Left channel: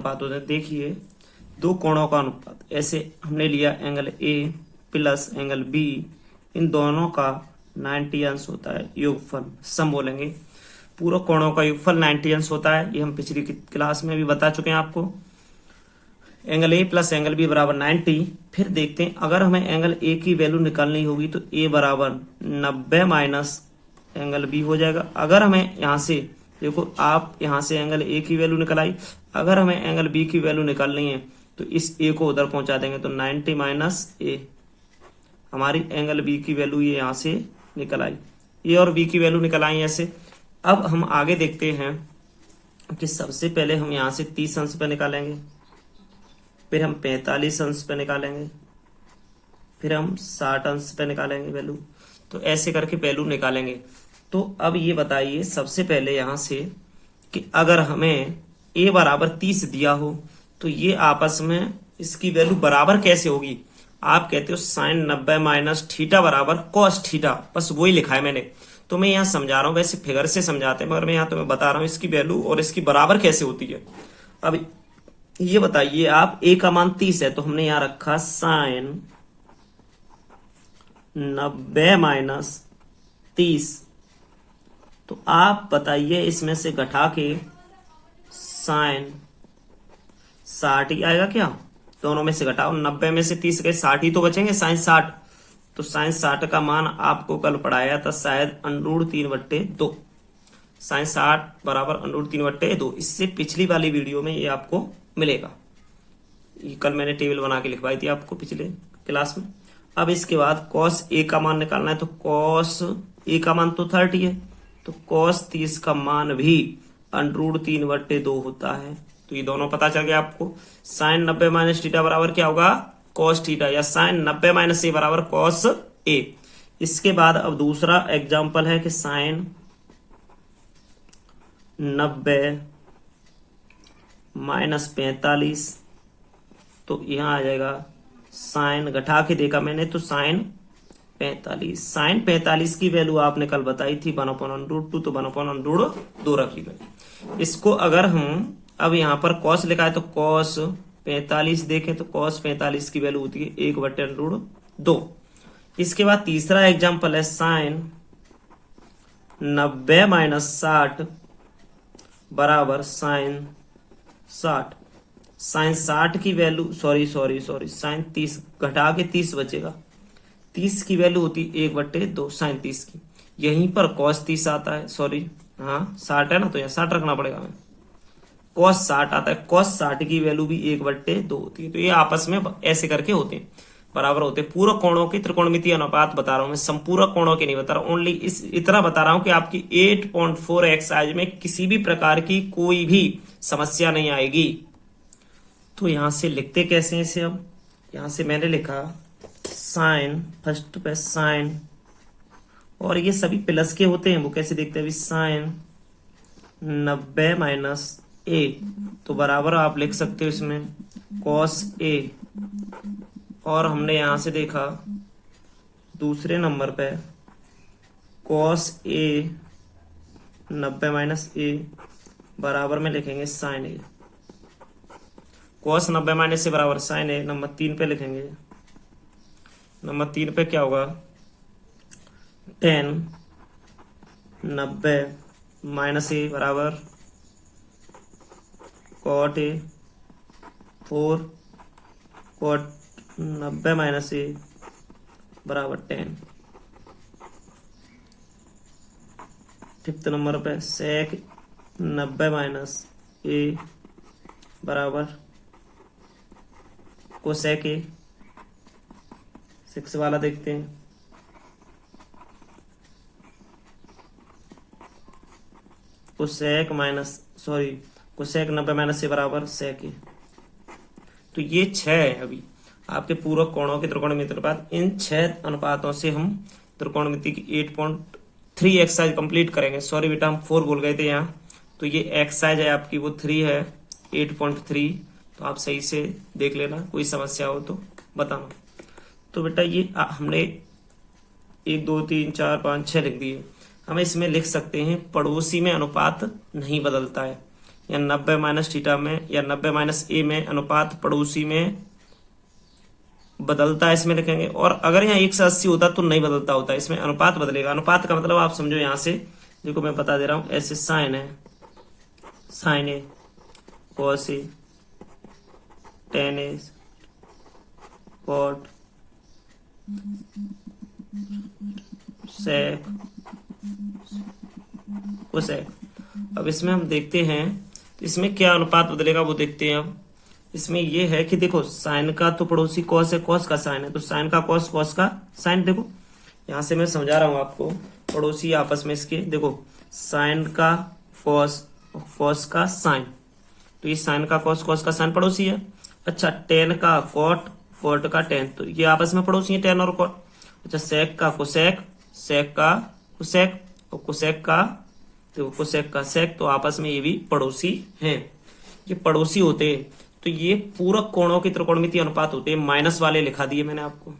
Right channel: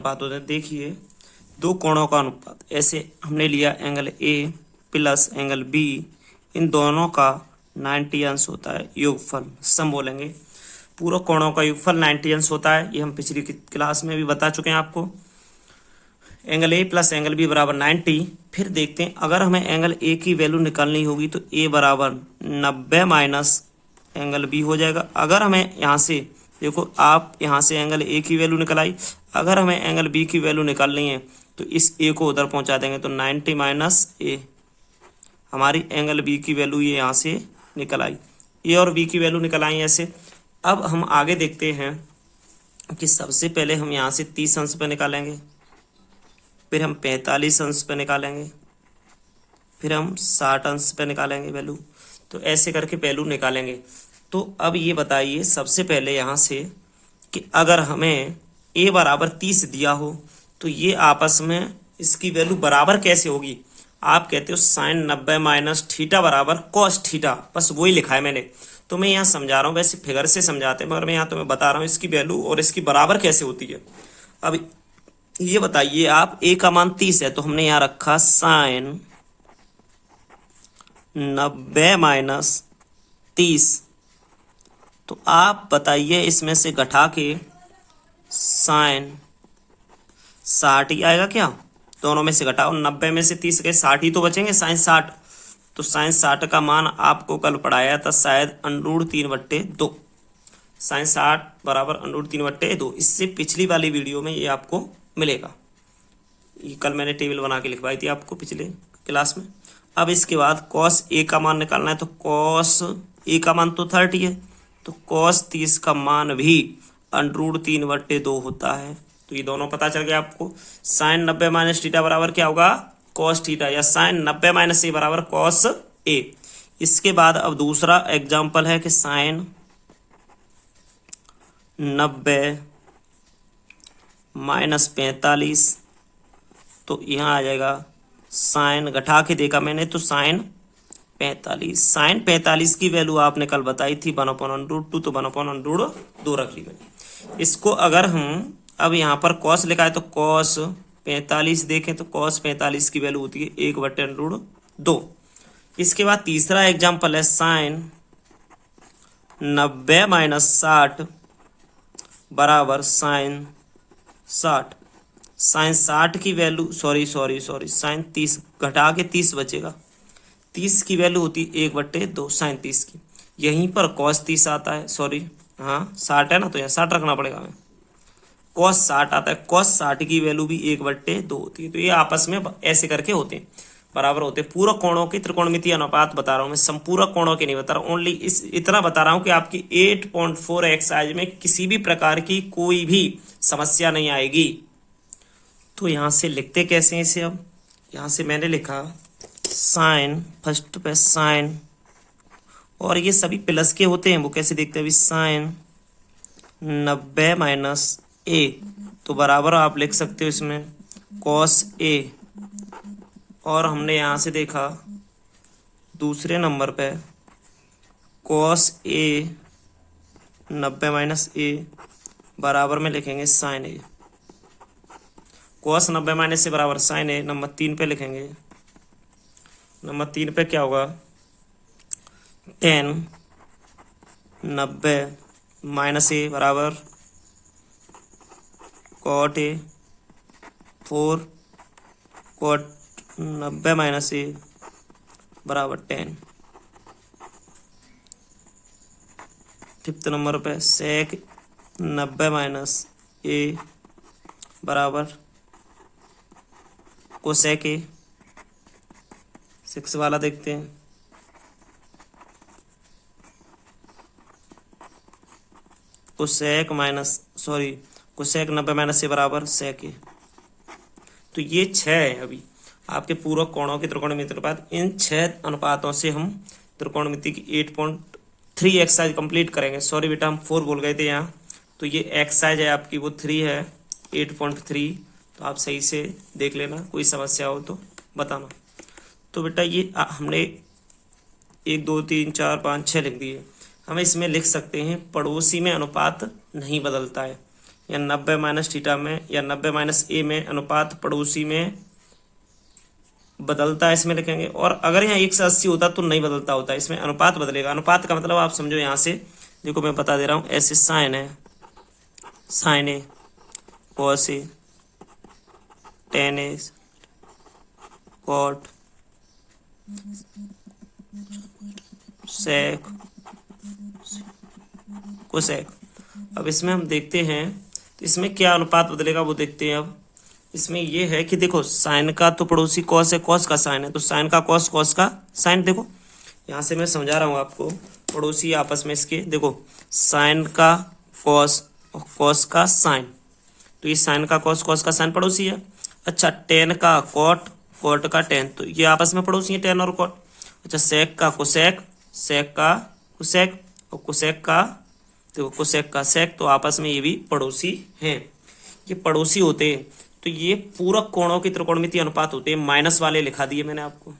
बात होता है। देखिए दो कोणों का अनुपात, ऐसे हमने लिया angle A plus angle B, इन दोनों का 90 अंश होता है योगफल, सम बोलेंगे। पूरा कोणों का योगफल 90 अंश होता है, ये हम पिछली क्लास में भी बता चुके हैं आपको। Angle A plus angle B बराबर 90। फिर देखते हैं अगर हमें एंगल ए की वैल्यू निकालनी होगी तो ए बराबर 90 माइनस एंगल बी हो जाएगा। अगर हमें यहाँ से देखो, आप यहाँ से एंगल ए की वैल्यू निकालाई, अगर हमें एंगल बी की वैल्यू निकालनी है तो इस ए को उधर पहुंचा देंगे, तो 90 माइनस ए, हमारी एंगल बी की वैल्यू ये यहाँ से निकल आई। ए और बी की वैल्यू निकल आई ऐसे। अब हम आगे देखते हैं कि सबसे पहले हम यहाँ से 30 अंश पे निकालेंगे, फिर हम 45 अंश पे निकालेंगे, फिर हम 60 अंश पे निकालेंगे वैल्यू। तो ऐसे करके वैल्यू निकालेंगे। तो अब ये बताइए सबसे पहले यहाँ से कि अगर हमें a बराबर 30 दिया हो तो ये आपस में इसकी वैल्यू बराबर कैसे होगी। आप कहते हो साइन 90 माइनस थीटा बराबर कॉस थीटा, बस वही लिखा है मैंने। तो मैं यहाँ समझा रहा हूँ, वैसे फिगर से समझाते हैं मगर मैं यहाँ तुम्हें बता रहा हूँ इसकी वैल्यू और इसकी बराबर कैसे होती है। अब ये बताइए आप, a का मान 30 है तो हमने यहाँ रखा साइन 90 माइनस 30। तो आप बताइए इसमें से घटा के साइन 60 ही आएगा क्या। दोनों में से घटाओ, 90 में से 30 गए, 60 ही तो बचेंगे, साइन 60। तो साइन 60 का मान आपको कल पढ़ाया था शायद √3/2, साइन 60 बराबर √3/2। इससे पिछली वाली वीडियो में ये आपको मिलेगा, ये कल मैंने टेबल बना के लिखवाई थी आपको पिछले क्लास में। अब इसके बाद कॉस ए का मान निकालना है, तो कॉस ए का मान तो 30 है, तो कॉस 30 का मान भी √3/2 होता है। तो ये दोनों पता चल गया आपको। साइन 90 माइनस थीटा बराबर क्या होगा, कॉस थीटा, या साइन 90 माइनस ए बराबर कॉस ए। इसके बाद अब दूसरा एग्जाम्पल है कि साइन 90 माइनस 45, तो यहाँ आ जाएगा साइन, घटा के देखा मैंने तो साइन 45। साइन 45 की वैल्यू आपने कल बताई थी 1/√2, तो 1/√2 रख ली मैंने। इसको अगर हम अब यहाँ पर कॉस लिखा है तो कॉस 45 देखें तो कॉस 45 की वैल्यू होती है 1/√2। इसके बाद तीसरा एग्जाम्पल है साइन 90 माइनस 60 बराबर साइन 60। साइन 60 की वैल्यू सॉरी साइन 30, घटा के 30 बचेगा, 30 की वैल्यू होती है 1/2 साइन 30 की। यहीं पर कॉस 30 आता है, सॉरी हाँ 60 है ना, तो यहाँ 60 रखना पड़ेगा हमें। कॉस 60 आता है, कॉस 60 की वैल्यू भी 1/2 होती है। तो ये आपस में ऐसे करके होते हैं, बराबर होते हैं। पूरक कोणों की त्रिकोणमितीय अनुपात बता रहा हूँ मैं, संपूरक कोणों के नहीं बता रहा हूँ, ओनली इतना बता रहा हूँ कि आपकी 8.4 एक्सरसाइज में किसी भी प्रकार की कोई भी समस्या नहीं आएगी। तो यहाँ से लिखते कैसे हैं इसे। अब यहाँ से मैंने लिखा साइन, फर्स्ट पे साइन, और ये सभी प्लस के होते हैं, वो कैसे देखते हैं अभी, साइन 90 माइनस ए, तो बराबर आप लिख सकते हो इसमें कॉस ए। और हमने यहां से देखा दूसरे नंबर पे कॉस ए 90 माइनस ए बराबर में लिखेंगे साइन ए। कॉस 90 माइनस ए बराबर साइन ए। नंबर 3 पे लिखेंगे, नंबर 3 पे क्या होगा, 10 90 माइनस ए बराबर कॉट ए, 4 कॉट 90 माइनस ए बराबर 10। फिफ्थ नंबर पे सेक 90 माइनस ए बराबर कोसेक ए। 6 वाला देखते हैं, कोसेक 90 माइनस ए बराबर सेक ए। तो ये 6 है अभी आपके पूरक कोणों के त्रिकोणमितीय अनुपात। इन 6 अनुपातों से हम त्रिकोणमिति की 8.3 एक्सरसाइज कंप्लीट करेंगे। सॉरी बेटा हम 4 बोल गए थे यहाँ, तो ये एक्सरसाइज है आपकी वो 3 है 8.3। तो आप सही से देख लेना, कोई समस्या हो तो बताना। तो बेटा ये हमने 1 2 3 4 5 6 लिख दिए। हम इसमें लिख सकते हैं पड़ोसी में अनुपात नहीं बदलता है, या 90 माइनस थीटा में या 90 माइनस ए में अनुपात पड़ोसी में बदलता है, इसमें लिखेंगे। और अगर यहाँ 180 होता तो नहीं बदलता होता, इसमें अनुपात बदलेगा। अनुपात का मतलब आप समझो, यहाँ से देखो मैं बता दे रहा हूं, ऐसे साइन है, sign A, cos A, ten A, cot, sec, cosec. अब इसमें हम देखते हैं तो इसमें क्या अनुपात बदलेगा वो देखते हैं। अब इसमें ये है कि देखो साइन का तो पड़ोसी कॉस है, कॉस का साइन है, तो साइन का कॉस, कॉस का साइन। देखो यहां से मैं समझा रहा हूं आपको, पड़ोसी आपस में इसके, देखो साइन का कॉस और कॉस का साइन, तो ये साइन का कॉस, कॉस का साइन पड़ोसी है। अच्छा, टेन का कॉट, कॉट का टेन, तो ये आपस में पड़ोसी है, टेन और कॉट। अच्छा, सेक का कोसेक, सेक का कोसेक, और कोसेक का, तो कोसेक का सेक, तो आपस में ये भी पड़ोसी हैं। ये पड़ोसी होते हैं तो ये पूरक कोणों की त्रिकोणमितीय अनुपात होते हैं। माइनस वाले लिखा दिए मैंने आपको,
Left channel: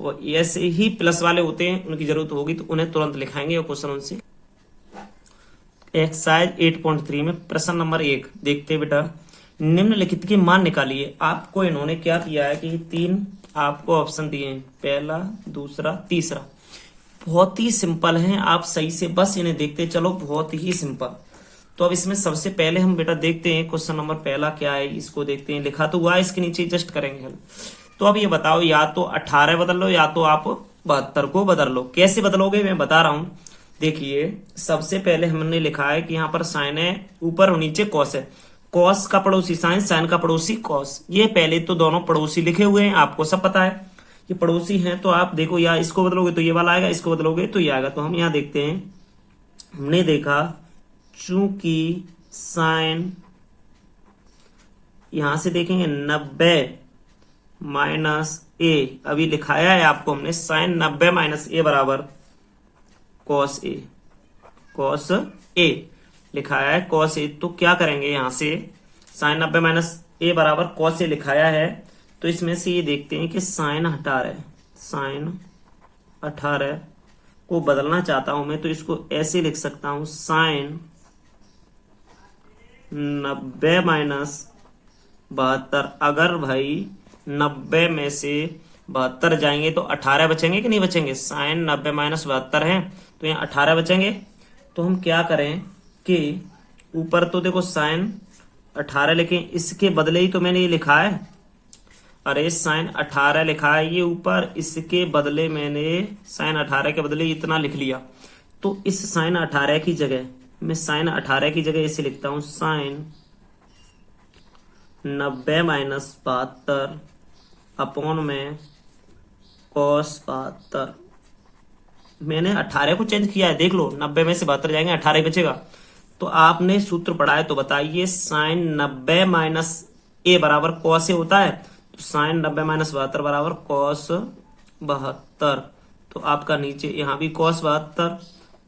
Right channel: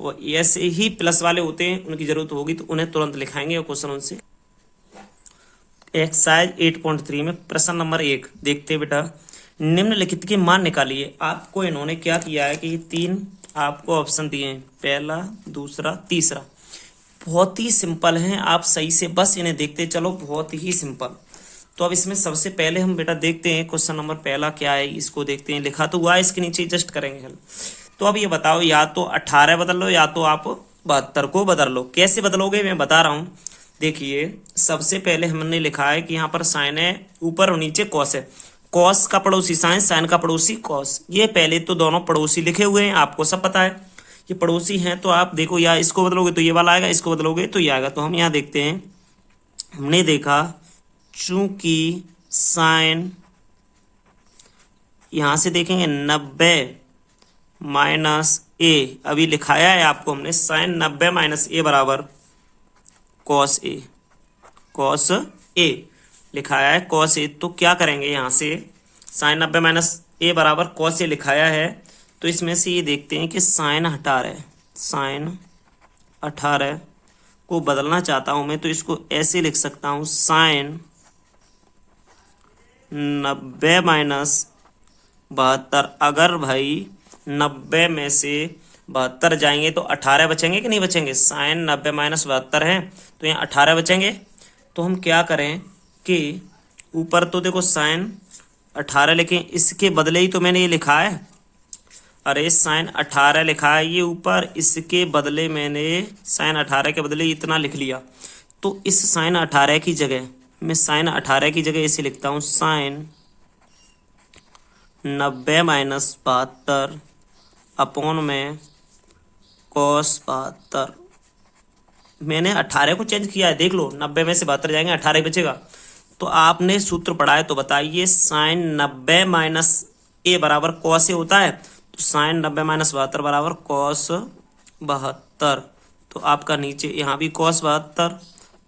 वो ऐसे ही प्लस वाले होते हैं, उनकी जरूरत होगी तो उन्हें तुरंत लिखाएंगे और क्वेश्चन उनसे। एक्सरसाइज 8.3 में प्रश्न नंबर 1 देखते हैं बेटा। निम्नलिखित के मान निकालिए। आपको इन्होंने क्या किया है कि 3 आपको ऑप्शन दिए हैं, पहला, दूसरा, तीसरा। बहुत ही सिंपल हैं, आप सही से बस इन्हें देखते चलो, बहुत ही सिंपल। तो अब इसमें सबसे पहले हम बेटा देखते हैं क्वेश्चन नंबर पहला क्या है, इसको देखते हैं। लिखा तो हुआ है, इसके नीचे जस्ट करेंगे हम। तो अब ये बताओ, या तो 18 बदल लो या तो आप 72 को बदल लो। कैसे बदलोगे मैं बता रहा हूं। देखिए सबसे पहले हमने लिखा है कि यहाँ पर साइन है, ऊपर और नीचे कॉस है। कॉस का पड़ोसी साइन, साइन का पड़ोसी कॉस। ये पहले तो दोनों पड़ोसी लिखे हुए हैं, आपको सब पता है ये पड़ोसी हैं। तो आप देखो, या इसको बदलोगे तो ये वाला आएगा, इसको बदलोगे तो ये आएगा। तो हम यहाँ देखते हैं, हमने देखा चूंकि साइन, यहां से देखेंगे 90 माइनस ए, अभी लिखाया है आपको हमने, साइन 90 माइनस ए बराबर कॉस ए, कॉस ए लिखाया है, कॉस ए। तो क्या करेंगे, यहां से साइन 90 माइनस ए बराबर कॉस ए लिखाया है, तो इसमें से ये देखते हैं कि साइन 18, साइन 18 को बदलना चाहता हूं मैं, तो इसको ऐसे लिख सकता हूं, साइन 90 माइनस 72। अगर भाई 90 में से 72 जाएंगे तो 18 बचेंगे कि नहीं बचेंगे। साइन 90 माइनस 72 है तो यहाँ 18 बचेंगे। तो हम क्या करें कि ऊपर तो देखो साइन 18 लिखें, इसके बदले ही तो मैंने ये लिखा है, अरे साइन 18 लिखा है ये ऊपर, इसके बदले मैंने साइन 18 के बदले इतना लिख लिया। तो इस साइन 18 की जगह मैं साइन 18 की जगह ऐसे लिखता हूं, साइन 90 माइनस 72 अपॉन में कॉस 72। मैंने 18 को चेंज किया है, देख लो 90 में से 72 जाएंगे, 18 बचेगा। तो आपने सूत्र पढ़ा है तो बताइए, साइन 90 माइनस ए बराबर कॉस ए होता है, तो साइन 90 माइनस 72 बराबर कॉस 72। तो आपका नीचे यहाँ भी कॉस 72,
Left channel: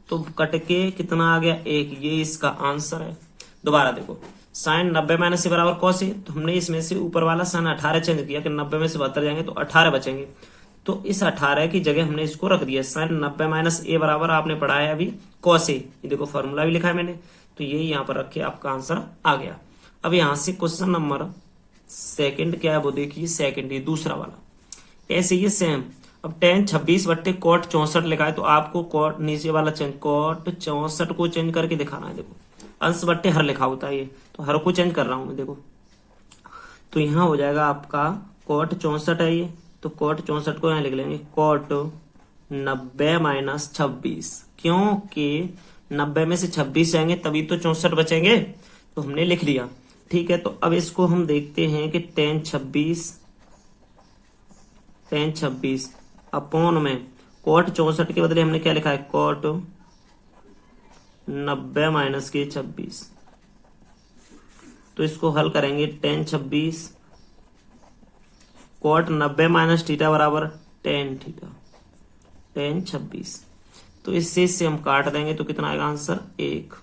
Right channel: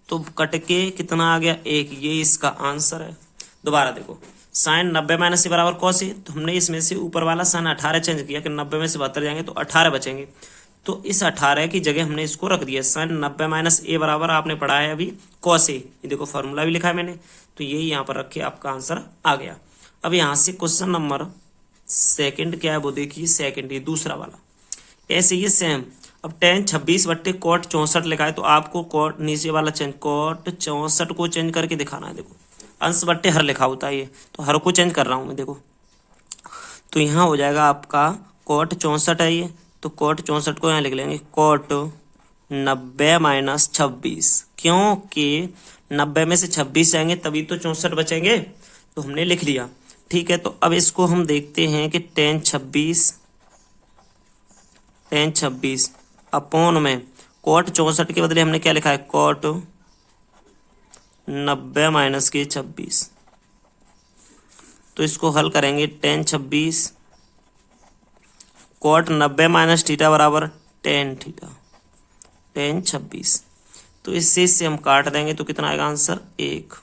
तो कट के कितना आ गया, 1। ये इसका आंसर है। दोबारा देखो, साइन 90 माइनस ए बराबर कॉस ए, तो हमने इसमें से ऊपर वाला साइन 18 चेंज किया कि 90 में से 72 जाएंगे तो 18 बचेंगे। तो इस 18 की जगह हमने इसको रख दिया, साइन 90 माइनस ए बराबर आपने पढ़ा है अभी कॉस ए, ये देखो फॉर्मूला भी लिखा है मैंने, तो यही यहाँ पर रखे, आपका आंसर आ गया। अब यहाँ से क्वेश्चन नंबर सेकंड क्या है वो देखिए, सेकंड ये दूसरा वाला ऐसे ही सेम। अब tan 26 बट्टे कॉट 64 लिखा है, तो आपको कॉट नीचे वाला चेंज, कॉट 64 को चेंज करके दिखाना है। देखो अंश बट्टे हर लिखा होता है ये, तो हर को चेंज कर रहा हूं मैं। देखो तो यहाँ हो जाएगा आपका कॉट 64 है ये, तो कॉट 64 को यहाँ लिख लेंगे कॉट 90 माइनस 26, क्योंकि 90 में से 26 जाएंगे तभी तो 64 बचेंगे, तो हमने लिख लिया। ठीक है, तो अब इसको हम देखते हैं कि tan 26 अपॉन में कॉट 64 के बदले हमने क्या लिखा है, कॉट 90 माइनस के 26। तो इसको हल करेंगे, tan 26 कॉट 90 माइनस थीटा बराबर tan थीटा, tan 26। तो इससे हम काट देंगे तो कितना आएगा आंसर, 1।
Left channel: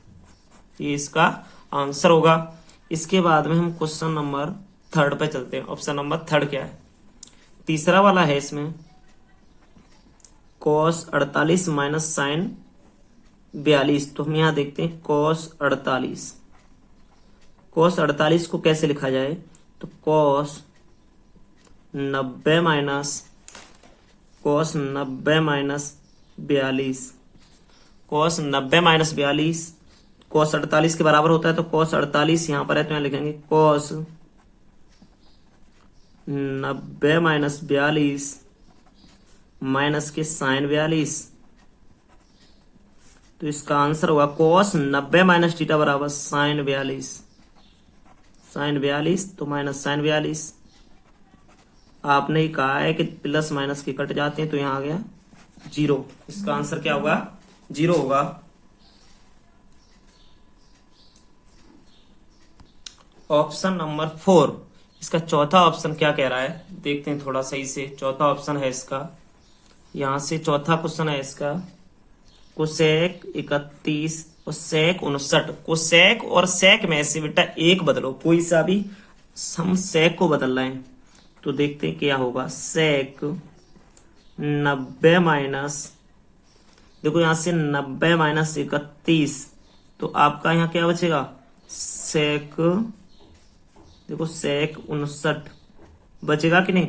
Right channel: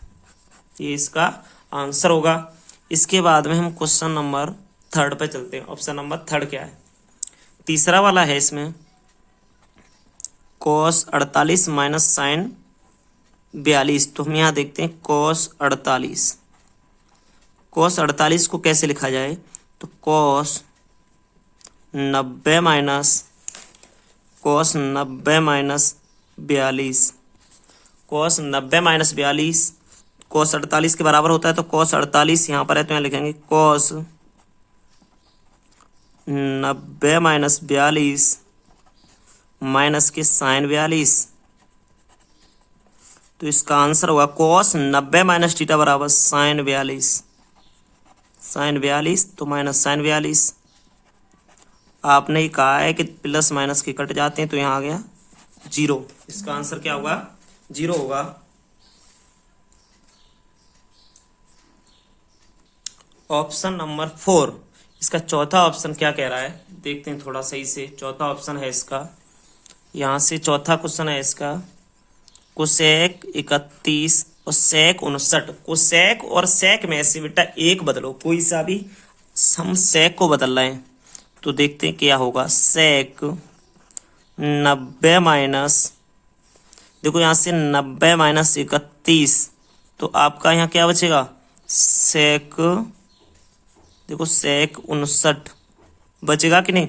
ये इसका आंसर होगा। इसके बाद में हम क्वेश्चन नंबर 3 पे चलते हैं। ऑप्शन नंबर 3 क्या है, तीसरा वाला है। इसमें cos 48 माइनस साइन 42, तो हम यहाँ देखते हैं cos 48 cos 48 को कैसे लिखा जाए, तो cos 90 minus 42, cos 90 minus 42 cos 48 के बराबर होता है, तो cos 48 यहाँ पर है तो यहाँ लिखेंगे cos 90 माइनस 42 माइनस के sin 42, तो इसका आंसर होगा cos 90 माइनस थीटा बराबर sin 42, तो माइनस sin 42। आपने ही कहा है कि प्लस माइनस के कट जाते हैं, तो यहाँ आ गया 0। इसका आंसर क्या होगा, 0 होगा। ऑप्शन नंबर 4, इसका चौथा ऑप्शन क्या कह रहा है, देखते हैं थोड़ा सही से। चौथा ऑप्शन है इसका, यहां से चौथा क्वेश्चन है इसका, कोसेक 31 और सेक 59। कोसेक और सेक में से बेटा एक बदलो, कोई सा भी, हम सेक को बदल रहे हैं, तो देखते हैं क्या होगा। सेक 90 माइनस, देखो यहां से 90 माइनस 31, तो आपका यहाँ क्या बचेगा, सेक, देखो सेक 59 बचेगा कि नहीं।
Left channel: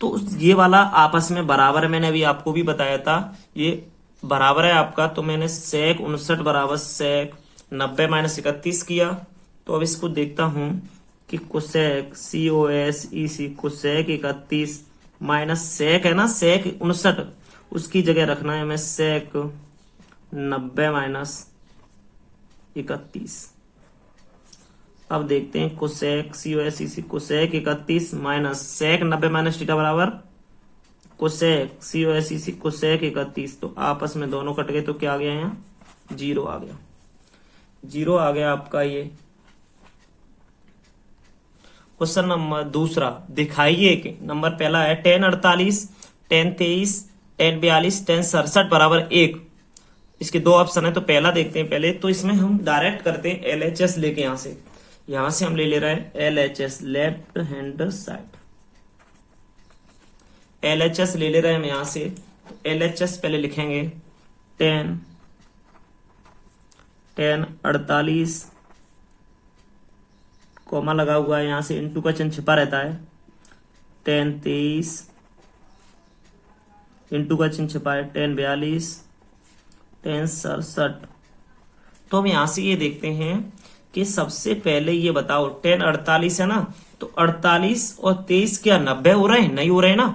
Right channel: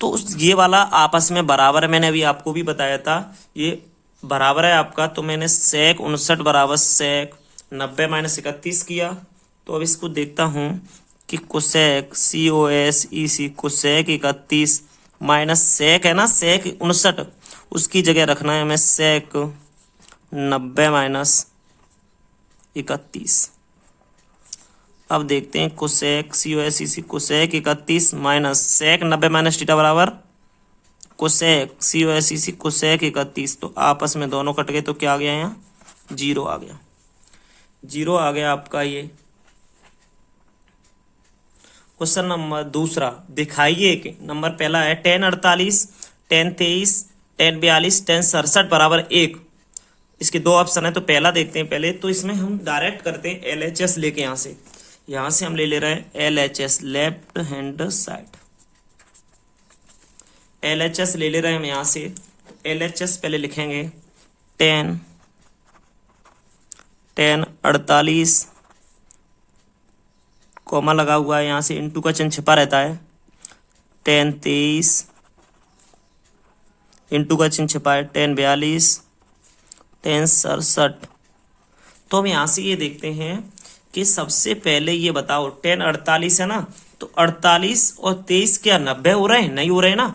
तो ये वाला आपस में बराबर है, मैंने अभी आपको भी बताया था ये बराबर है आपका, तो मैंने सेक 59 बराबर सेक 90 माइनस 31 किया। तो अब इसको देखता हूं कि cosec COSEC cosec 31 minus sec है ना, सेक 59, उसकी जगह रखना है हमें सेक 90 माइनस 31। अब देखते हैं cosec COSEC cosec 31 minus sec 90 minus theta बराबर कोसेक COSEC कोसेक 31, तो आपस में दोनों कट गए, तो क्या आ गया, यहाँ 0 आ गया। 0 आ गया आपका ये। क्वेश्चन नंबर दूसरा, दिखाइए कि नंबर पहला है tan 48, tan 23, tan 42, tan 67 बराबर 1। इसके दो ऑप्शन है, तो पहला देखते हैं पहले। तो इसमें हम डायरेक्ट करते हैं LHS लेके, यहां से हम ले रहे हैं LHS left hand side, LHS ले रहे हैं हम यहां से। LHS पहले लिखेंगे tan 48, कॉमा लगा हुआ है, यहां से इनटू का चिन्ह छिपा रहता है। tan 23 इनटू का चिन्ह छिपा है, tan 42, tan 67। तो हम यहां से ये देखते हैं कि सबसे पहले ये बताओ, tan 48 है ना, तो 48 और 23 क्या 90 हो रहे हैं, नहीं हो रहे ना।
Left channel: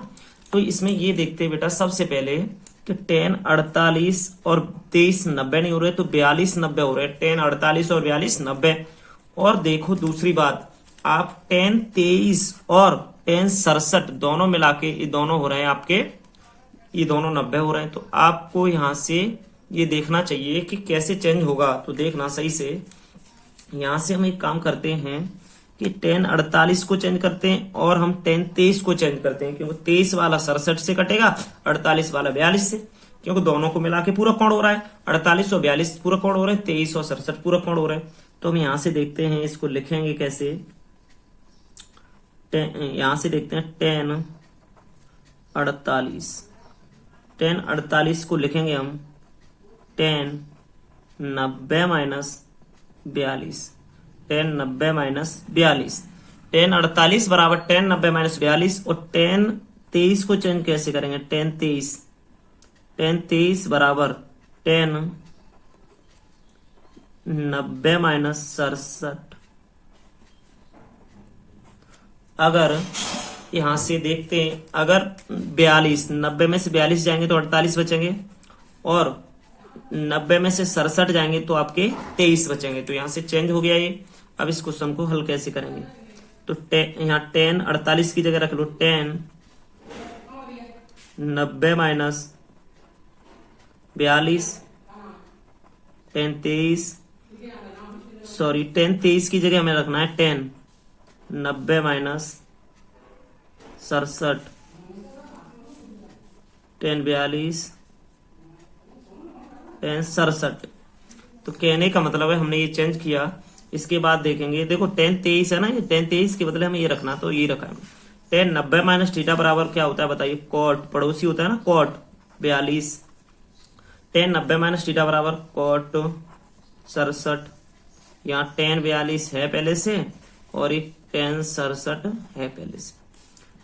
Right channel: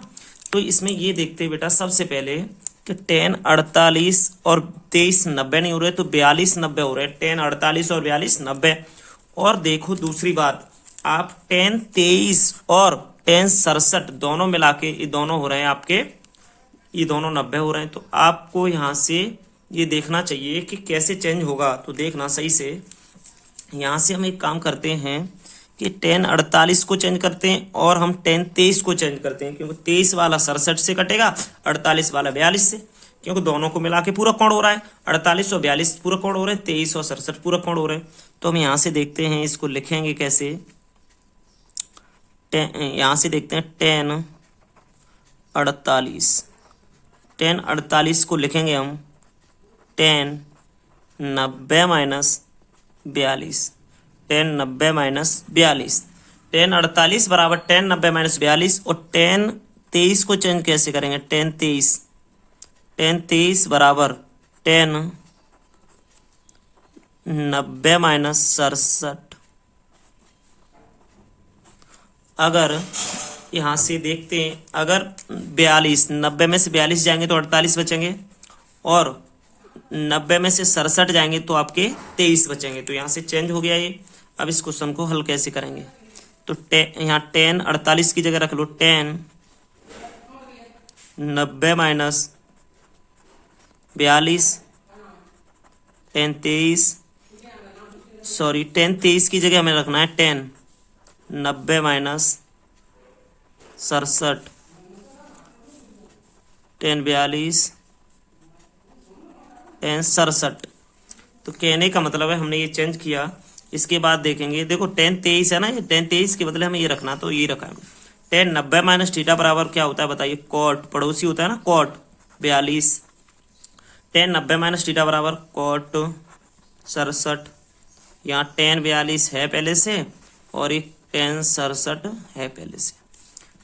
तो इसमें ये देखते हैं बेटा सबसे पहले कि tan 48 और 23 90 नहीं हो रहे, तो 42 90 हो रहे हैं। tan 48 और 42 90। और देखो दूसरी बात, आप tan 23 और tan 67 दोनों मिला के ये दोनों हो रहे हैं आपके, ये दोनों 90 हो रहे हैं। तो आपको यहां से ये देखना चाहिए कि कैसे चेंज होगा, तो देखना सही से। यहां से हम एक काम करते हैं कि tan 48 को चेंज करते हैं और हम tan 23 को चेंज करते हैं, क्योंकि 23 वाला 67 से कटेगा, 48 वाला 42 से, क्योंकि दोनों को मिला के पूरा कोण हो रहा है। 48 और 42 पूरा कोण हो रहे हैं, 23 और 67 पूरा कोण हो रहे हैं। तो हम यहां से देखते हैं इसको लिखेंगे कैसे। यहां से देखते हैं tan 48 को लिखेंगे हम tan 90 minus 42, tan 90 minus 42, tan 48 बराबर tan 90 माइनस 42। और tan 23 को चेंज कैसे करेंगे, tan 23 बराबर tan 90 माइनस 67। अगर यहां से देखते हैं, अगर 42 90 में से 42 जाएंगे तो 48 बचेंगे, और 90 में से 67 जाएंगे तो आपके 23 बचेंगे। तो यहां से चेंज हो गया ये। अब इस क्वेश्चन को हल कैसे करेंगे, तो यहाँ tan 48 की जगह रख लो tan 90 माइनस 42, tan 23 की जगह हमें रखना है tan 90 माइनस 67, tan 42, tan 67। तो कहने का मतलब है हमने ये चेंज किया। इसके बाद देखेंगे, देखो tan 23 है ना, ये tan 23 के बदले हमें ये रखना, तो ये रखा है। tan 90 माइनस थीटा बराबर क्या होता है बताइए, cot, पड़ोसी होता है ना cot 42। tan 90 माइनस थीटा बराबर cot 67, यहाँ tan 42 है पहले से और एक tan 67 है पहले से।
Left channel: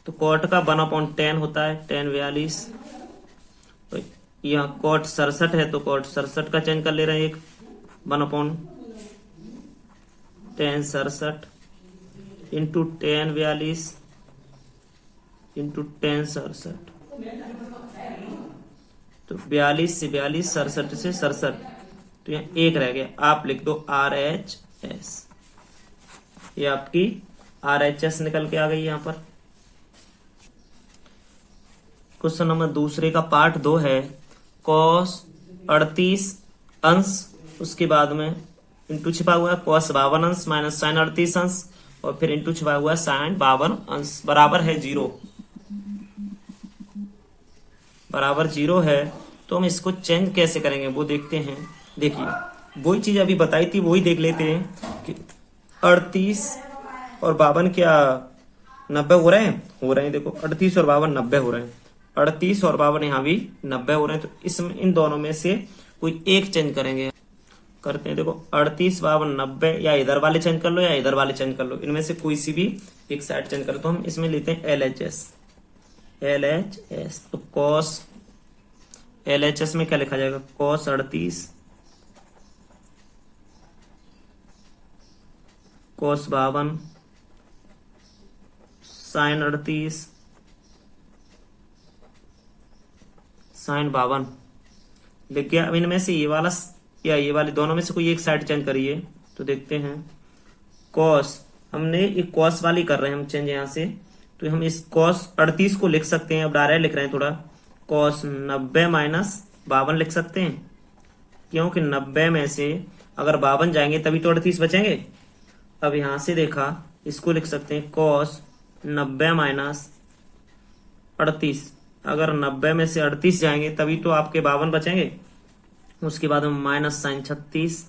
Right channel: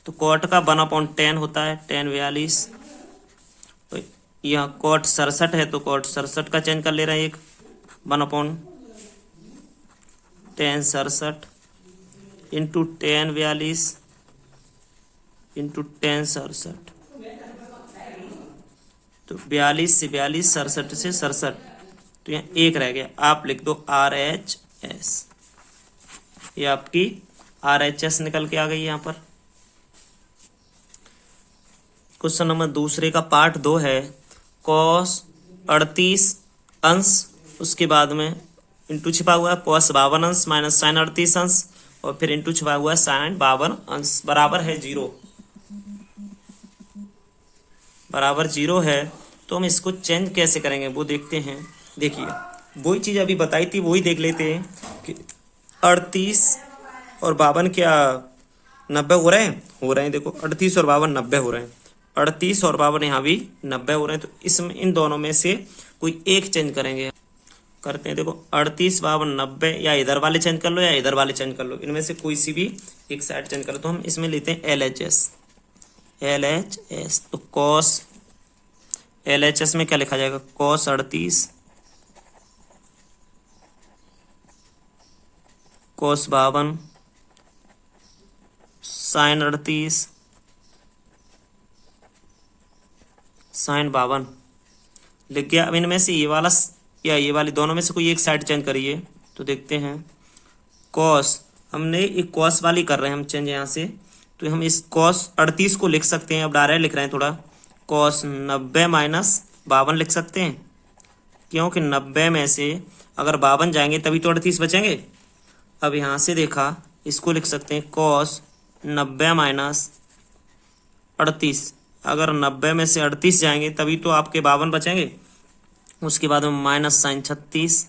तो कॉट का 1/10 होता है tan 42। तो यहाँ कॉट 67 है तो कॉट 67 का चेंज कर ले रहे हैं एक 1/10 67 इंटू tan 42 इंटू tan 67। तो 42 से 42 67 से 67 तो यहाँ एक रह गया। आप लिख दो RHS। ये आपकी RHS निकल के आ गई यहाँ पर। क्वेश्चन नंबर दूसरे का पार्ट 2 है cos 38 अंश उसके बाद में इंटू छिपा हुआ है cos 52 अंश माइनस sin 38 अंश और फिर इंटू छिपा हुआ है sin 52 अंश बराबर है 0। बराबर 0 है तो हम इसको चेंज कैसे करेंगे वो देखते हैं। देखिए वही चीज अभी बताई थी वही देख लेते हैं कि 38 और 52 क्या 90 हो रहे हैं देखो 38 और 52 90 हो रहे हैं। 38 और 52 यहाँ भी 90 हो रहे हैं। तो इसमें इन दोनों में से कोई एक चेंज करेंगे। करते हैं देखो 38 52 90 या इधर वाले चेंज कर लो या इधर वाले चेंज कर लो। इनमें से कोई सी भी एक साइड चेंज कर लो। तो हम इसमें लेते हैं LHS। तो cos LHS में क्या लिखा जाएगा cos 38 cos 52 sin 38 sin 52 लिख गया। अब इनमें से ये वाला या ये वाली दोनों में से कोई एक साइड चेंज करिए। तो देखते हैं cos हमने एक cos वाली कर रहे हैं हम चेंज यहाँ से। तो हम इस cos 38 को लिख सकते हैं। अब डायरेक्ट लिख रहे हैं थोड़ा cos 90 माइनस 52 लिख सकते हैं क्योंकि 90 में से अगर 52 जाएंगे तभी तो 38 बचेंगे। अब यहां से देखा इसको लिख सकते हैं cos 90 माइनस 38। अगर 90 में से 38 जाएंगे तभी तो आपके 52 बचेंगे। उसके बाद में माइनस साइन 38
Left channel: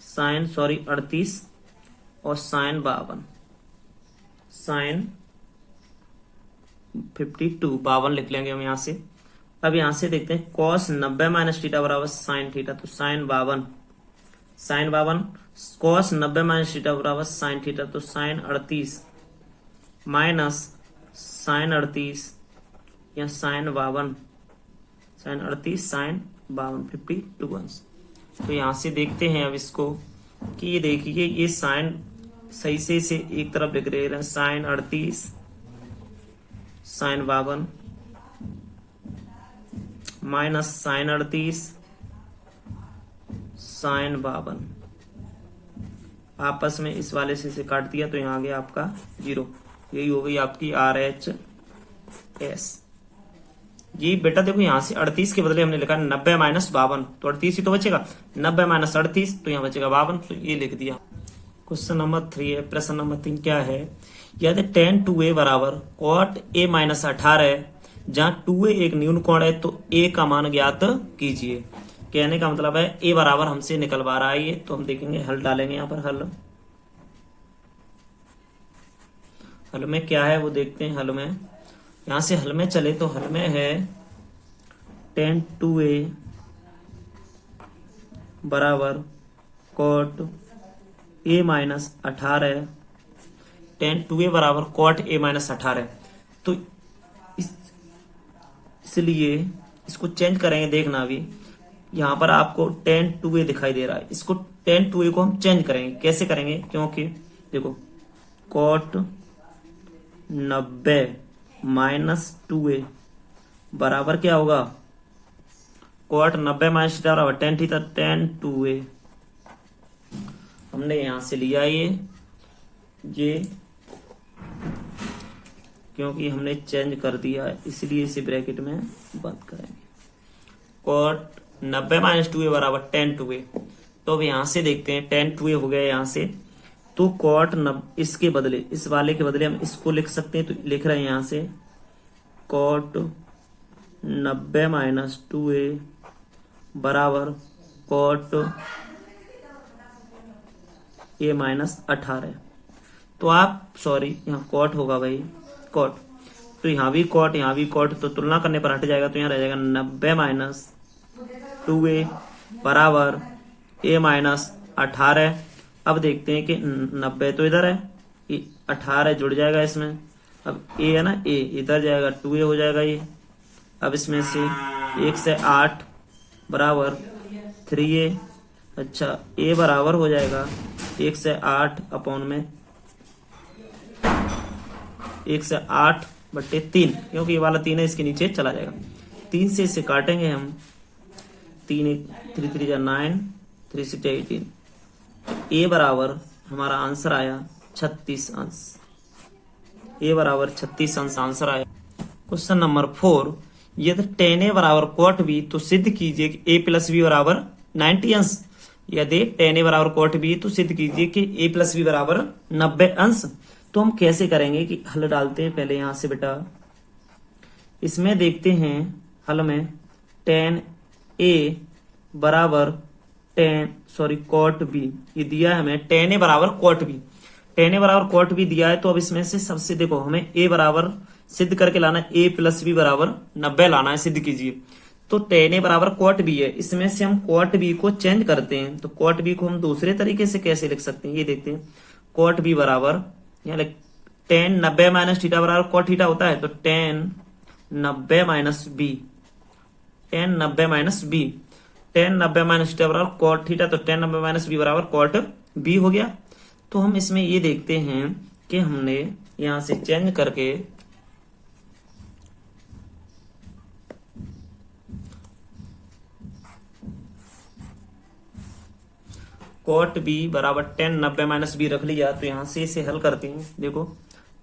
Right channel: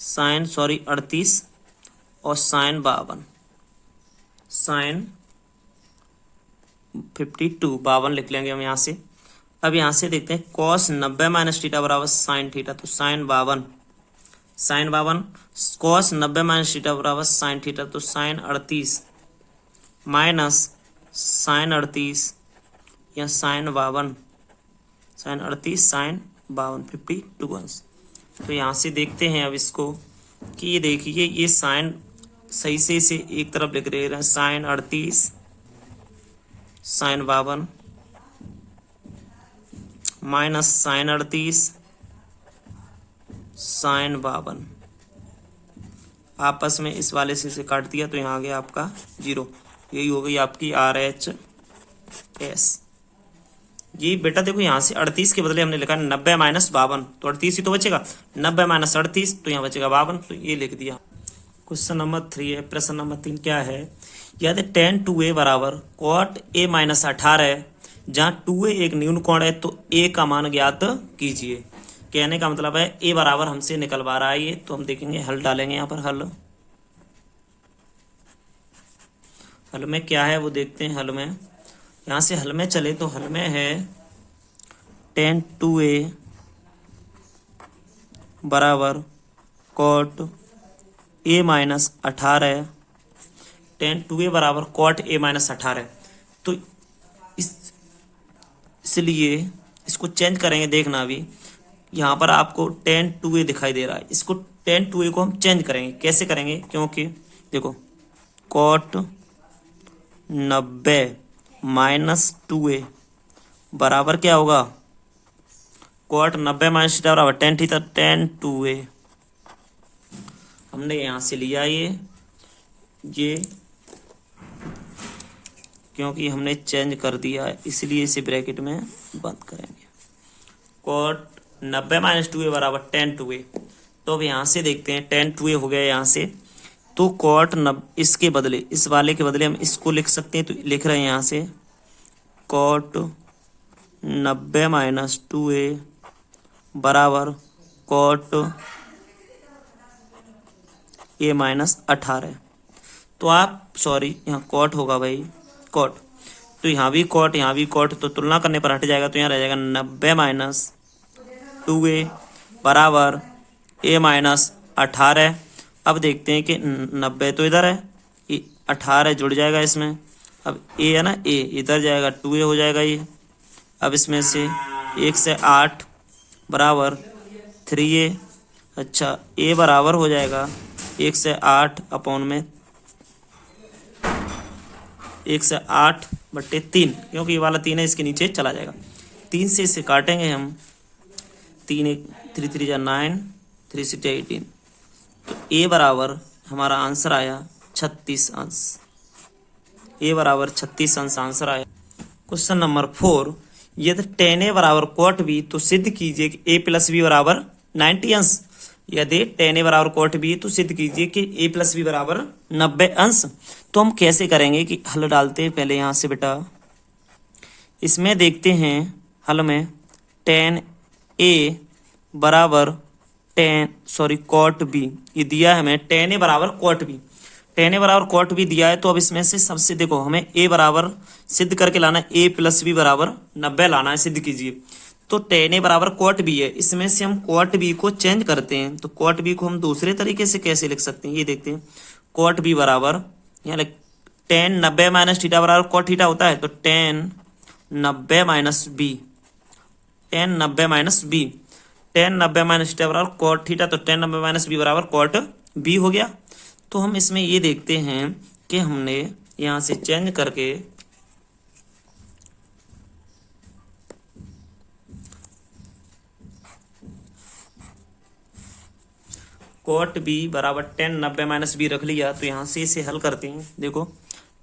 38 और साइन 52 साइन 52 लिख लेंगे हम यहाँ से। अब यहाँ से देखते हैं cos 90 माइनस थीटा बराबर साइन थीटा। तो साइन 52 cos 90 माइनस थीटा बराबर साइन थीटा। तो साइन 38 माइनस साइन 38 या साइन 52 साइन 38 साइन 52 52। तो यहाँ से देखते हैं अब इसको कि ये देखिए ये साइन सही से इसे एक तरफ लिख रहे हैं sine 38 sine 52 minus sine 38 sine 52 आपस में इस वाले से इसे काट दिया तो यहाँ आ गया आपका 0। यही हो गई आपकी RHS। ये बेटा देखो यहाँ से 38 के बदले हमने लिखा 90 माइनस 52 तो 38 ही तो बचेगा। 90 माइनस 38 तो यहाँ बचेगा 52 तो ये लिख दिया। क्वेश्चन नंबर 3 है। प्रश्न नंबर 3 क्या है यदि tan 2a बराबर cot a माइनस 18 है जहाँ 2a एक न्यून कोण है तो a का मान ज्ञात कीजिए। कहने का मतलब है a बराबर हमसे निकलवा रहा है ये। तो हम देखेंगे हल डालेंगे यहाँ पर। हल में क्या है वो देखते हैं। हल में यहाँ से हल में चले तो हल में है tan 2a बराबर cot a minus 18 tan 2a बराबर cot a माइनस 18। तो इसलिए इसको चेंज करेंगे। देखना अभी यहाँ पर आपको tan 2a दिखाई दे रहा है। इसको tan 2a को हम चेंज करेंगे। कैसे करेंगे क्योंकि देखो cot 90 माइनस 2a बराबर क्या होगा cot 90 माइनस थीटा बराबर tan थीटा tan 2a। हमने यहां से लिया ये क्योंकि हमने चेंज कर दिया है इसलिए इसे ब्रैकेट में बंद करेंगे। cot 90 माइनस 2a बराबर tan 2a। तो अब यहां से देखते हैं tan 2a हो गया यहाँ से। तो cot इसके बदले इस वाले के बदले हम इसको लिख सकते हैं। तो लिख रहे हैं यहाँ से cot 90 माइनस 2a बराबर cot a माइनस 18। तो आप सॉरी यहाँ cot होगा भाई cot। तो यहाँ भी cot तो तुलना करने पर हट जाएगा। तो यहाँ रह जाएगा 90 माइनस 2a बराबर a माइनस 18। अब देखते हैं कि 90 तो इधर है, 18 जुड़ जाएगा इसमें। अब ए है ना, ए इधर जाएगा, 2a हो जाएगा ये। अब इसमें से 1 से 8 बराबर 3a। अच्छा, ए बराबर हो जाएगा 1 से 8 अपॉन में 1 से 8 बट्टे 3, क्योंकि ये वाला 3 है, इसके नीचे चला जाएगा। 3 से इसे काटेंगे हम, 3 1 3 3 जा 9, 3 6 18। तो ए बराबर हमारा आंसर आया 36 अंश। ए बराबर 36 अंश आंसर आया। क्वेश्चन नंबर 4, यदि tan a बराबर cot b तो सिद्ध कीजिए कि a प्लस बी बराबर 90 अंश। यदि tan a बराबर cot b तो सिद्ध कीजिए कि a प्लस बी बराबर 90 अंश। तो हम कैसे करेंगे कि हल डालते हैं पहले यहां से बेटा, इसमें देखते हैं हल में tan a बराबर cot b, ये दिया है हमें tan a बराबर cot b। tan a बराबर cot b दिया है, तो अब इसमें से सबसे देखो हमें a बराबर सिद्ध करके लाना है, a प्लस बी बराबर 90 लाना है, सिद्ध कीजिए। तो tan a बराबर cot b है, इसमें से हम cot b को चेंज करते हैं। तो cot b को हम दूसरे तरीके से कैसे लिख सकते हैं, ये देखते हैं। cot b बराबर यहाँ tan 90 माइनस थीटा बराबर cot थीटा होता है, तो tan 90 minus B, tan 90 minus B, tan 90 minus theta बराबर cot थीटा, तो tan 90 माइनस बी बराबर cot बी हो गया। तो हम इसमें ये देखते हैं कि हमने यहां से चेंज करके cot b बराबर tan 90 माइनस बी रख लिया। तो यहां से इसे हल करते हैं। देखो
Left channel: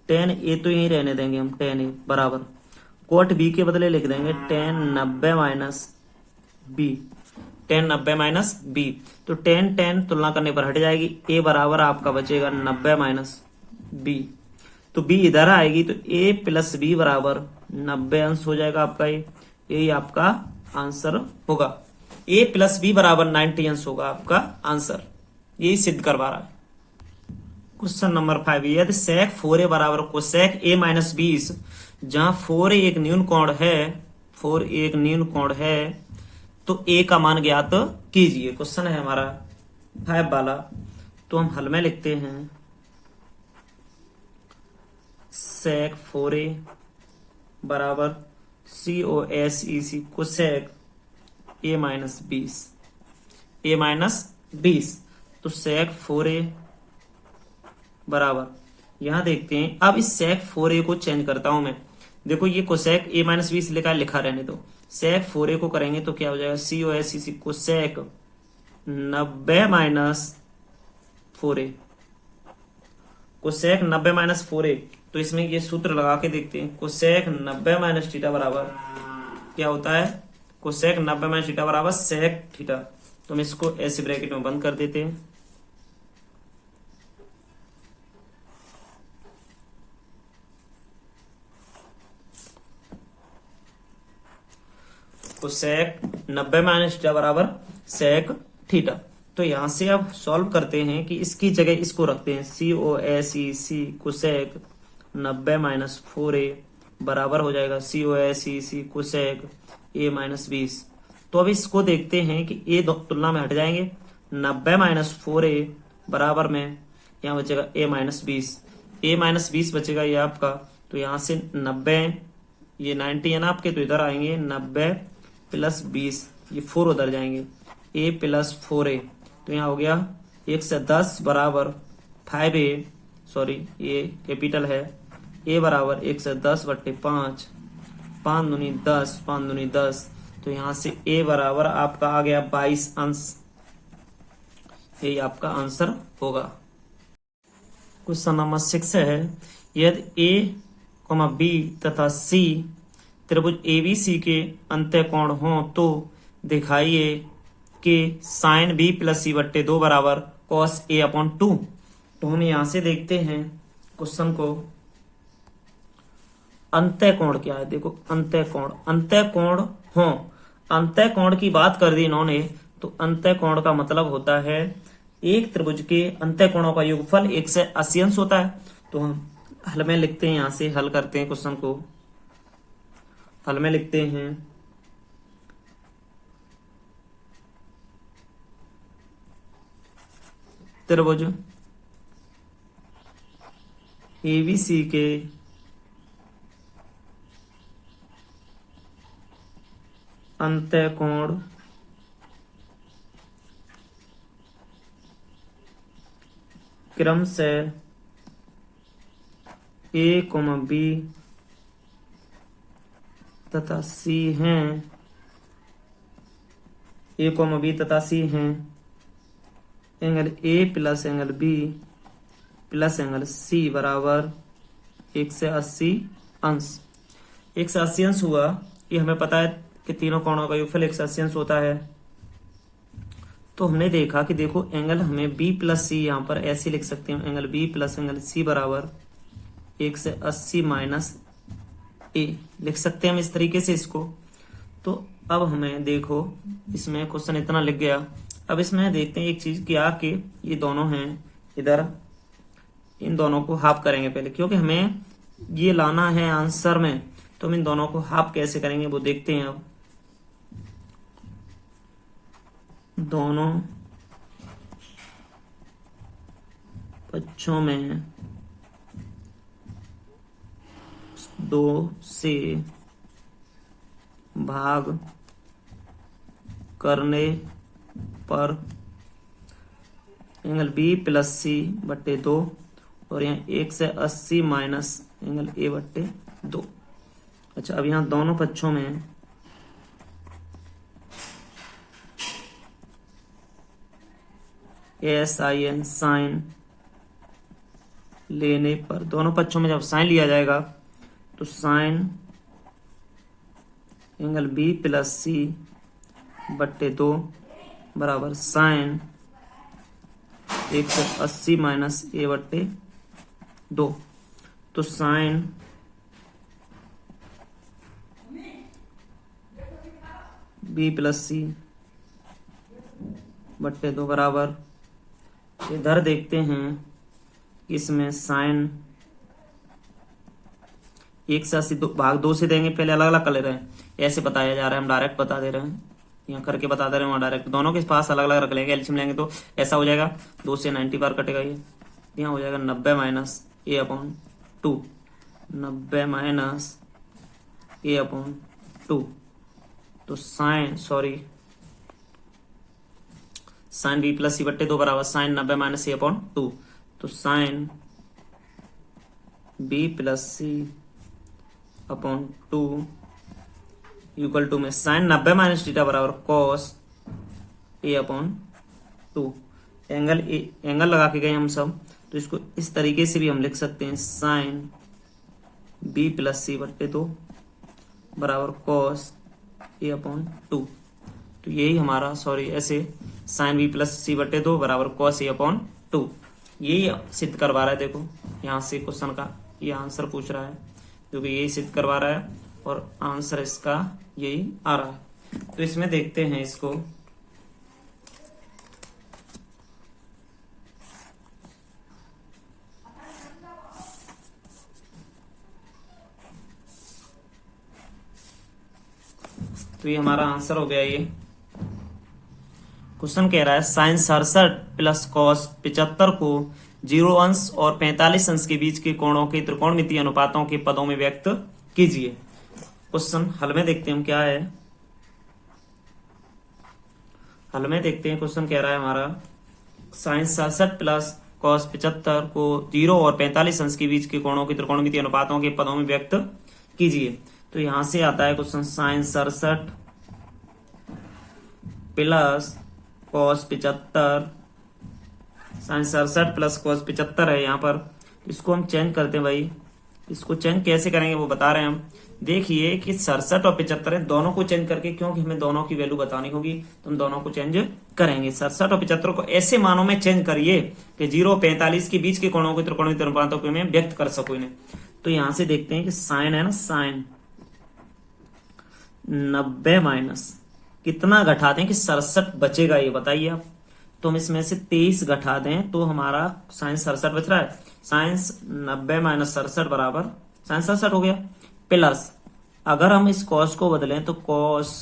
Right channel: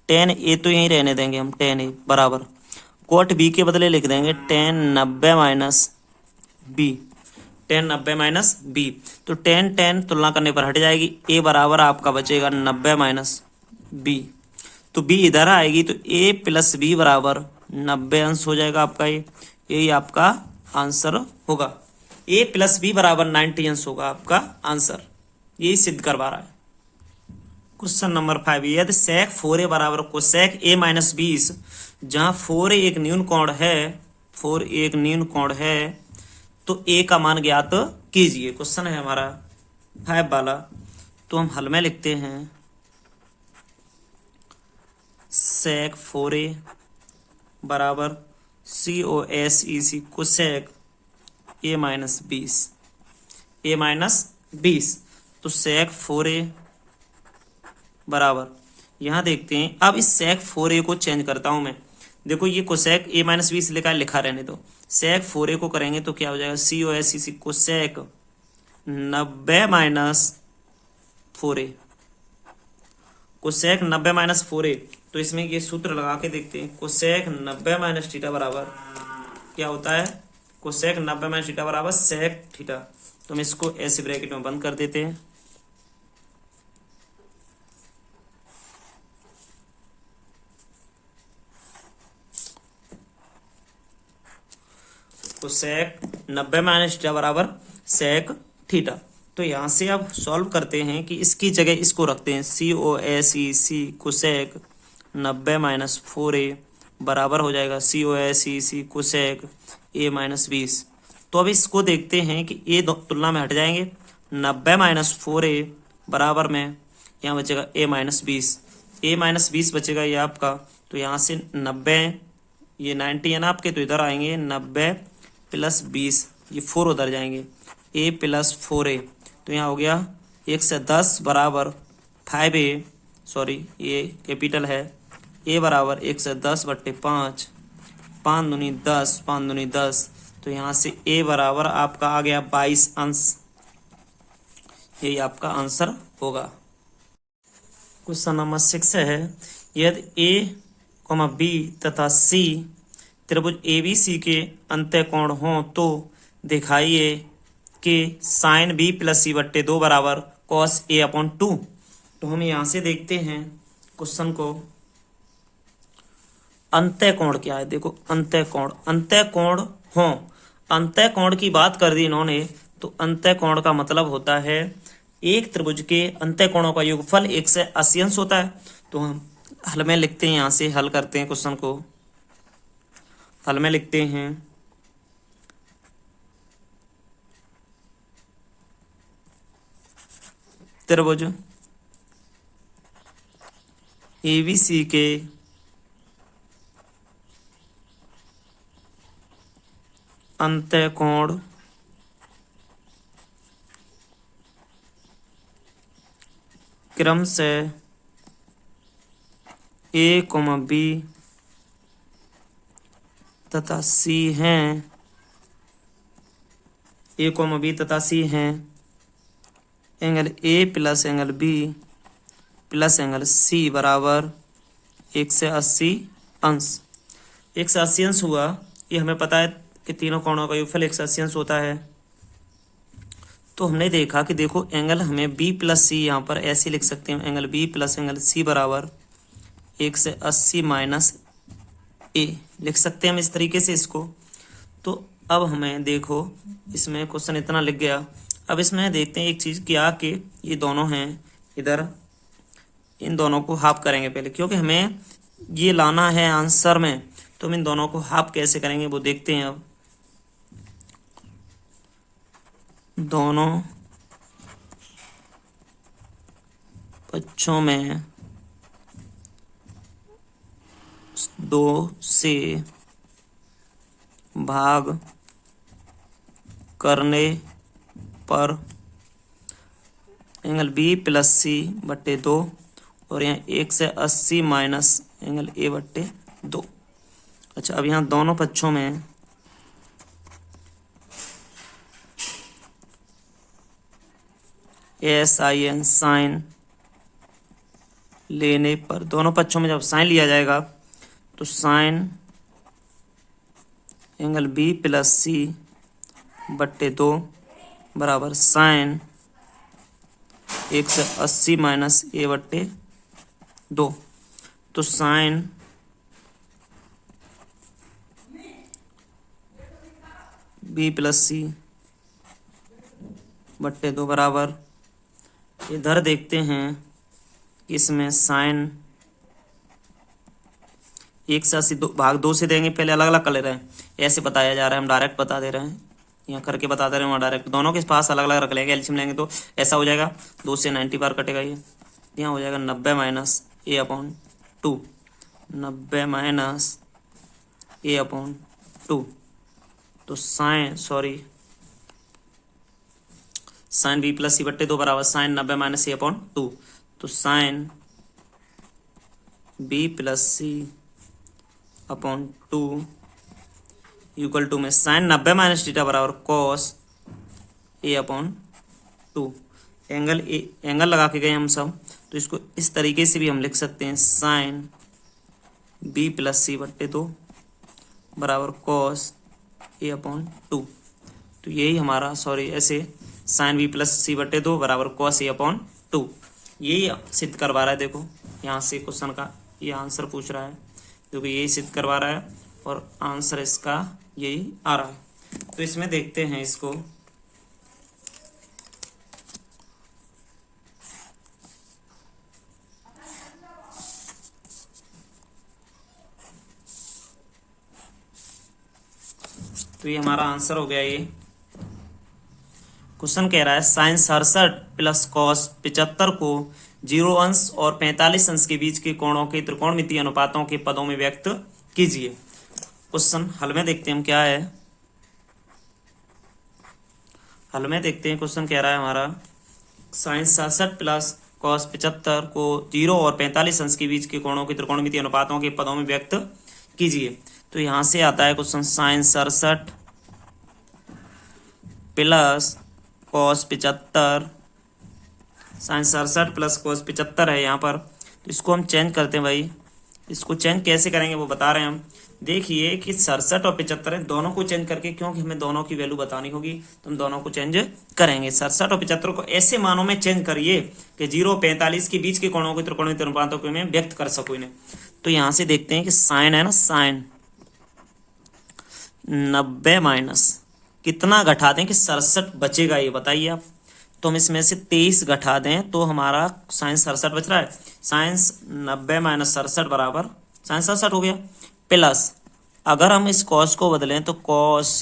tan a तो यहीं रहने देंगे हम, tan a बराबर cot b के बदले लिख देंगे tan 90 minus B, tan 90 minus B. तो tan तुलना करने पर हट जाएगी, a बराबर आपका बचेगा 90 माइनस बी। तो b इधर आएगी, तो a प्लस बी बराबर 90 अंश हो जाएगा आपका। यही आपका आंसर होगा। a प्लस बी बराबर 90 अंश होगा आपका आंसर, यही सिद्ध करवा रहा है। क्वेश्चन नंबर 5, यदि sec 4a बराबर cosec a माइनस 20, जहां 4a एक न्यून कोण है, 4a एक न्यून कोण है, तो a का मान ज्ञात कीजिए। क्वेश्चन है हमारा 5 वाला। तो हम हल में लिखते हैं sec 4a बराबर COSEC cosec a minus 20, a minus 20। तो sec 4a बराबर, यहां देखते हैं। अब इस sec 4a को चेंज करता हूं मैं। देखो ये cosec a माइनस 20 लिखा रहने दो। sec 4a को करेंगे तो क्या हो जाएगा, COSEC cosec 90 minus 4a, cosec 90 minus 4a। तो इसमें ये सूत्र लगा के देखते हैं। cosec 90 माइनस थीटा बराबर क्या होता है, cosec 90 माइनस थीटा बराबर sec थीटा। तो हम इसको ऐसे ब्रैकेट में बंद कर देते हैं। तो sec 90 माइनस थीटा बराबर sec थीटा। तो यहां से अब सॉल्व करते हैं कि इसकी जगह इसको रखते हैं, COSEC cosec 90 माइनस 4a बराबर हो जाएगा COSEC cosec a माइनस 20। तो अब इसको देखते हैं कि a तुलना में हट जाएंगे, 90 माइनस 4a बराबर में यहाँ बचेगा a माइनस 20, a माइनस 20 बचेगा ये आपका। तो यहाँ से 90, ये 90 है ना आपके, तो इधर आएंगे 90 प्लस 20, ये 4 उधर जाएंगे, a प्लस 4a। तो यहाँ हो गया 1 से 10 बराबर 5a, सॉरी ये कैपिटल है, a बराबर 1 से 10 बट्टे 5, 5 दूनी 10, 5 दूनी 10। तो यहाँ से a बराबर आपका आ गया 22 अंश, यही आपका आंसर होगा। क्वेश्चन नंबर 6 है, यदि a, b तथा c त्रिभुज ABC के अंत्यकोण हो तो दिखाइए कि साइन b प्लस c बट्टे 2 बराबर cos a अपॉन 2। तो हम यहां से देखते हैं क्वेश्चन को, अंत्यकोण क्या है। देखो अंत्यकोण हो, अंत्यकोण की बात कर दी इन्होंने। तो अंत्यकोण का मतलब होता है एक त्रिभुज के अंत्यकोणों का योगफल 1 से 80 अंश होता है। तो हम हल में लिखते हैं, यहां से हल करते हैं क्वेश्चन को। हल में लिखते हैं त्रिभुज एबीसी के अंतःकोण क्रमशः A, B तथा C हैं, A, B तथा C हैं, angle A plus angle B plus angle C बराबर 180 अंश। 180 अंश हुआ, ये हमें पता है कि तीनों कोणों का योगफल 180 अंश होता है। तो हमने देखा कि देखो एंगल हमें B प्लस C यहाँ पर ऐसे लिख सकते हैं, angle B plus angle C बराबर 180 माइनस A लिख सकते हैं हम इस तरीके से इसको। तो अब हमें देखो इसमें क्वेश्चन इतना लिख गया। अब इसमें देखते हैं एक चीज कि आके ये दोनों हैं इधर, इन दोनों को हाफ करेंगे पहले, क्योंकि हमें ये लाना है आंसर में। तो हम इन दोनों को हाफ कैसे करेंगे वो देखते हैं। अब दोनों पक्षों में 2 से भाग करने पर एंगल B प्लस C बट्टे 2 और यहाँ 180 माइनस एंगल A बट्टे 2। अच्छा, अब यहाँ दोनों पक्षों में SIN साइन लेने पर, दोनों पक्षों में जब साइन लिया जाएगा तो sign angle B plus C बट्टे 2 बराबर साइन 180 माइनस A बट्टे 2। तो साइन B प्लस C बट्टे 2 बराबर, इधर देखते हैं इसमें साइन 180 भाग 2 से देंगे, पहले अलग अलग कर ले रहे हैं, ऐसे बताया जा रहा है, हम डायरेक्ट बता दे रहे हैं, यहाँ करके बता दे रहे हैं, वहाँ डायरेक्ट दोनों के पास अलग अलग रख लेंगे। एलसीएम लेंगे तो ऐसा हो जाएगा, 2 से 90 बार कटेगा, ये यहाँ हो जाएगा 90 minus A upon 2, 90 minus A upon 2। तो साइन B प्लस C बट्टे 2 बराबर साइन 90 माइनस A अपॉन 2। तो sine B plus C upon 2 equal to में साइन 90 माइनस थीटा बराबर कॉस A अपॉन 2। एंगल लगा के गए हम सब, तो इसको इस तरीके से भी हम लिख सकते हैं, साइन B प्लस C बट्टे 2 बराबर कॉस A अपॉन 2। तो यही हमारा ऐसे साइन B प्लस C बट्टे 2 बराबर कॉस A अपॉन 2, यही सिद्ध करवा रहा है। देखो यहाँ से क्वेश्चन का ये आंसर पूछ रहा है, क्योंकि यही सिद्ध करवा रहा है और आंसर इसका यही आ रहा है। तो इसमें देखते हैं इसको, तो ये हमारा आंसर हो गया। ये क्वेश्चन कह रहा है साइन 67 प्लस कॉस 75 को 0 अंश और 45 अंश के बीच के कोणों के त्रिकोणमितीय अनुपातों के पदों में व्यक्त कीजिए। क्वेश्चन हल में देखते हैं हम क्या है। हल में देखते हैं, क्वेश्चन कह रहा है हमारा साइन 67 प्लस कॉस 75 को 0 और 45 अंश के बीच के कोणों के त्रिकोणमितीय अनुपातों के पदों में व्यक्त कीजिए। तो यहां से आता है question sine 67 plus cos 75, sine 67 plus cos 75 है यहाँ पर। तो इसको हम चेंज करते हैं भाई, इसको चेंज कैसे करेंगे वो बता रहे हैं हम। देखिए कि 67 और 75 है, दोनों को चेंज करके, क्योंकि हमें दोनों की वैल्यू बतानी होगी तो हम दोनों को चेंज करेंगे। 67 और 75 को ऐसे मानों में चेंज करिए कि 0 और 45 के बीच के कोणों के त्रिकोणमितीय अनुपातों को मैं व्यक्त कर सकूं इन्हें। तो यहां से देखते हैं कि साइन है ना, साइन 90 माइनस कितना घटा दें कि 67 बचेगा, ये बताइए आप। तो हम इसमें से 23 घटा दें तो हमारा साइन 67 बच रहा है। साइन 90 माइनस 67 बराबर साइन 67 हो गया, प्लस अगर हम इस कॉस को बदलें तो कॉस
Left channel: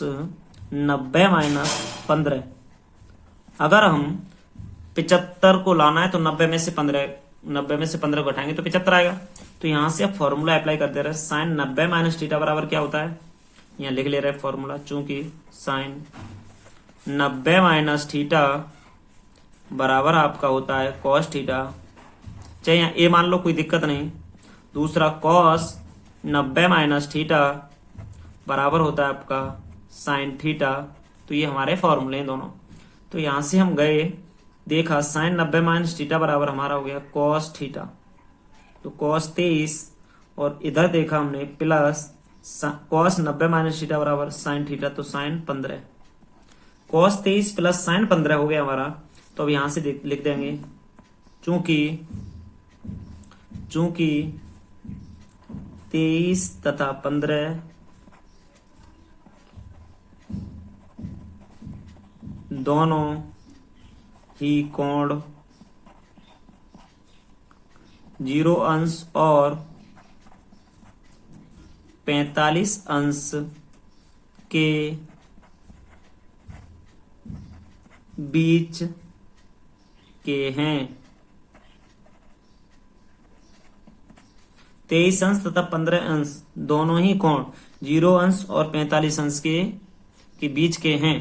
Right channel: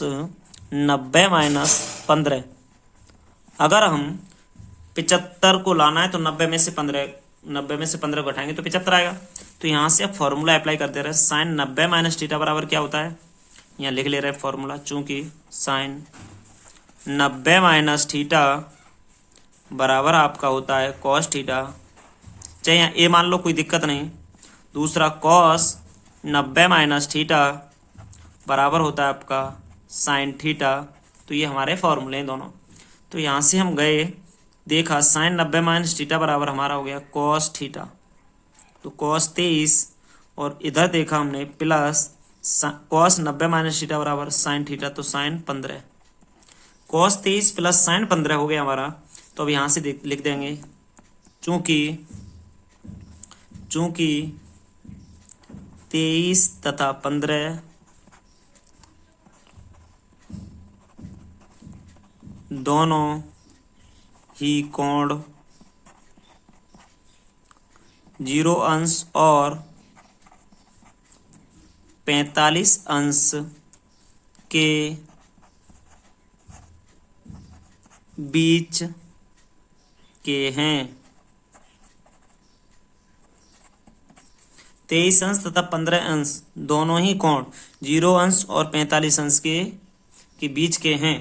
90 माइनस 15। अगर हम 75 को लाना है तो 90 में से 15 को घटाएंगे तो 75 आएगा। तो यहाँ से अब फॉर्मूला अप्लाई कर दे रहे हैं। साइन 90 माइनस थीटा बराबर क्या होता है, यहाँ लिख ले रहे हैं फॉर्मूला। चूंकि साइन 90 माइनस थीटा बराबर आपका होता है कॉस थीटा, चाहे यहाँ ए मान लो, कोई दिक्कत नहीं। दूसरा कॉस 90 माइनस थीटा बराबर होता है आपका साइन थीटा। तो ये हमारे फॉर्मूले हैं दोनों। तो यहाँ से हम गए, देखा साइन 90 माइनस थीटा बराबर हमारा हो गया कॉस थीटा, तो कॉस 23, और इधर देखा हमने प्लस कॉस 90 माइनस थीटा बराबर साइन थीटा, तो साइन 15। कॉस 23 प्लस साइन 15 हो गया हमारा। तो अब यहाँ से लिख देंगे चूंकि 23 तथा 15 दोनों ही कोण 0 अंश और 45 अंश के बीच के हैं। 23 अंश तथा 15 अंश दोनों ही कोण 0 अंश और 45 अंश के बीच के हैं।